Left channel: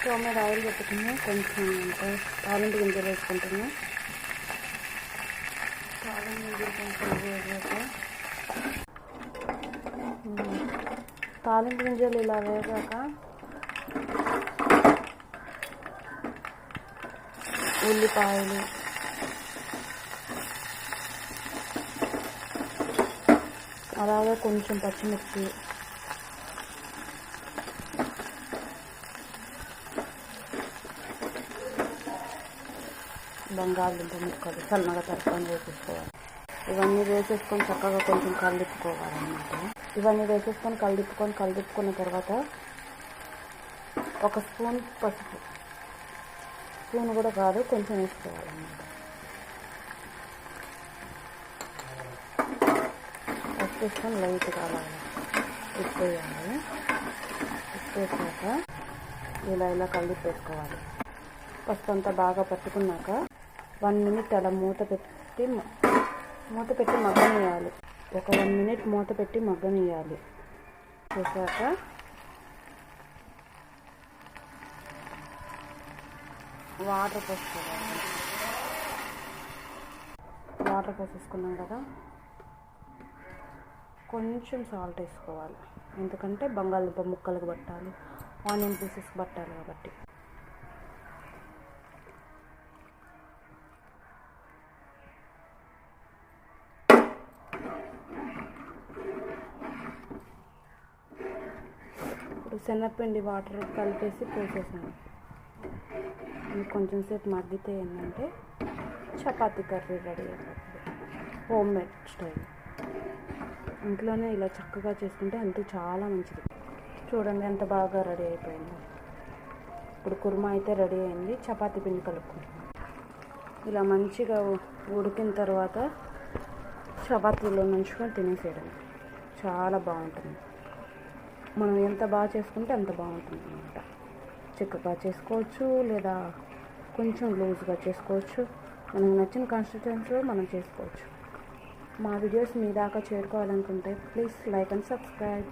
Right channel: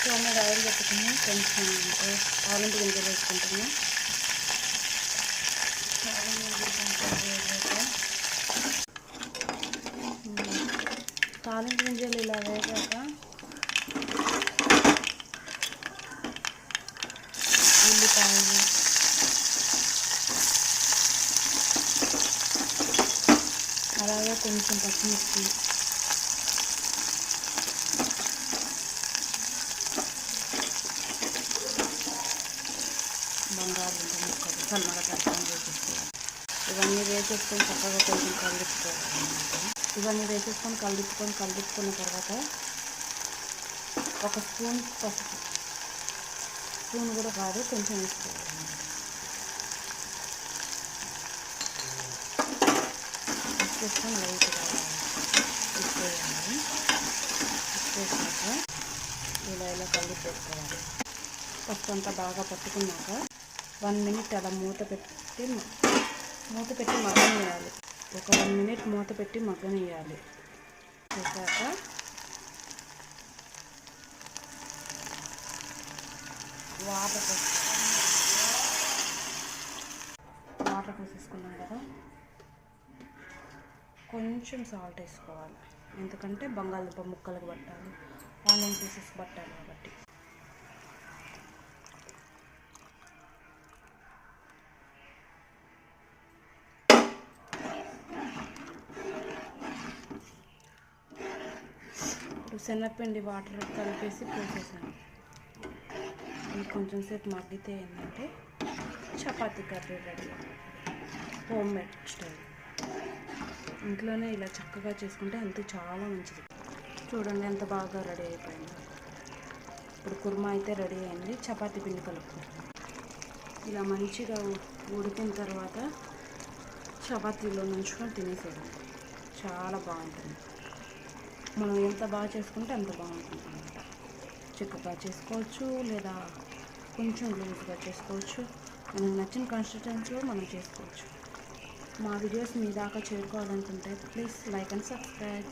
Stove మీద oil పెట్టుకుని కొంచెం తాలింపు గింజలు వేసుకుంటున్నా. తాలింపు గింజలు కొంచెం వేగాక తాలింపు గింజలు ఇలా వేగాక ఉల్లిపాయలు, అలాగే కొంచెం పచ్చిమిర్చి, బంగాళదుంప ముక్కలు సన్నగా తరుపుకొని వేసేసుకోవాలి. ఇవన్నీ వేసేసుకొని చక్కగా కొంచెం కలుపుకోవాలన్నమాట. ఇవన్నీ వేసేసుకొని కలుపుకున్న తర్వాత ఒక స్పూన్ పసుపు, స్పూన్ కూడా కాదు కొంచెం వేసుకోవాలన్నమాట. పసుపు వేసుకొని లైట్గా అలా ఉప్పేయాలి. ఉప్పేసాక ఇలా కలిపేసుకోవాలి. పసుపు అంతా బాగా పట్టుకున్నాక 1 మినిట్ అలా మూత పెట్టి మగ్గనియాలి. ఒక 1 మినిట్ మూత పెట్టి మగ్గనియాలి. చేశాక వాటర్ పోసేసుకున్నాం కదా, కొంచెం సాల్ట్ వేసుకోవాలి. ఎందుకంటే బంగాళదుంప ముక్కలకు పట్టాలి, ఆనియన్ పీసెస్ పట్టాలి కాబట్టి. ఇప్పుడు శనగపిండి వాటర్ కలిపేసి పోసేసాను. ఇది కొంచెం సేపు మగ్గితే ఏంటంటే చపాతీ కర్రీ రెడీ అవుతుంది. Home made style. ఇంట్లోనే ఇలా చక్కగా చేసుకుంటే హెల్త్ చాలా మంచిది. చూడండి ఎంత బాగా రెడీ అయిపోయిందో. ఇప్పుడు కుర్మా అయితే రెడీ అయింది. చపాతీ పిండి కలుపుకుంటున్నాం. ఇలా మంచిగా ఉడికిన తర్వాత చపాతీలో నంచుకొని తినేసేయడం చాలా బాగుంటుంది. మనం ఎంత బాగా చేసుకుంటే అంత బాగుంటుంది అన్నమాట. చిక్కగా చేసుకోవచ్చు లేదా కొంచెం లూజ్గా చేసుకోవచ్చు. మనకు నచ్చిన కన్సిస్టెన్సీలో మనం చేసుకోవచ్చు. మా వీడియోస్ మీ దాకా చేరుకోవాలనుకుంటే ప్లీజ్ లైక్ అండ్ సబ్స్క్రైబ్.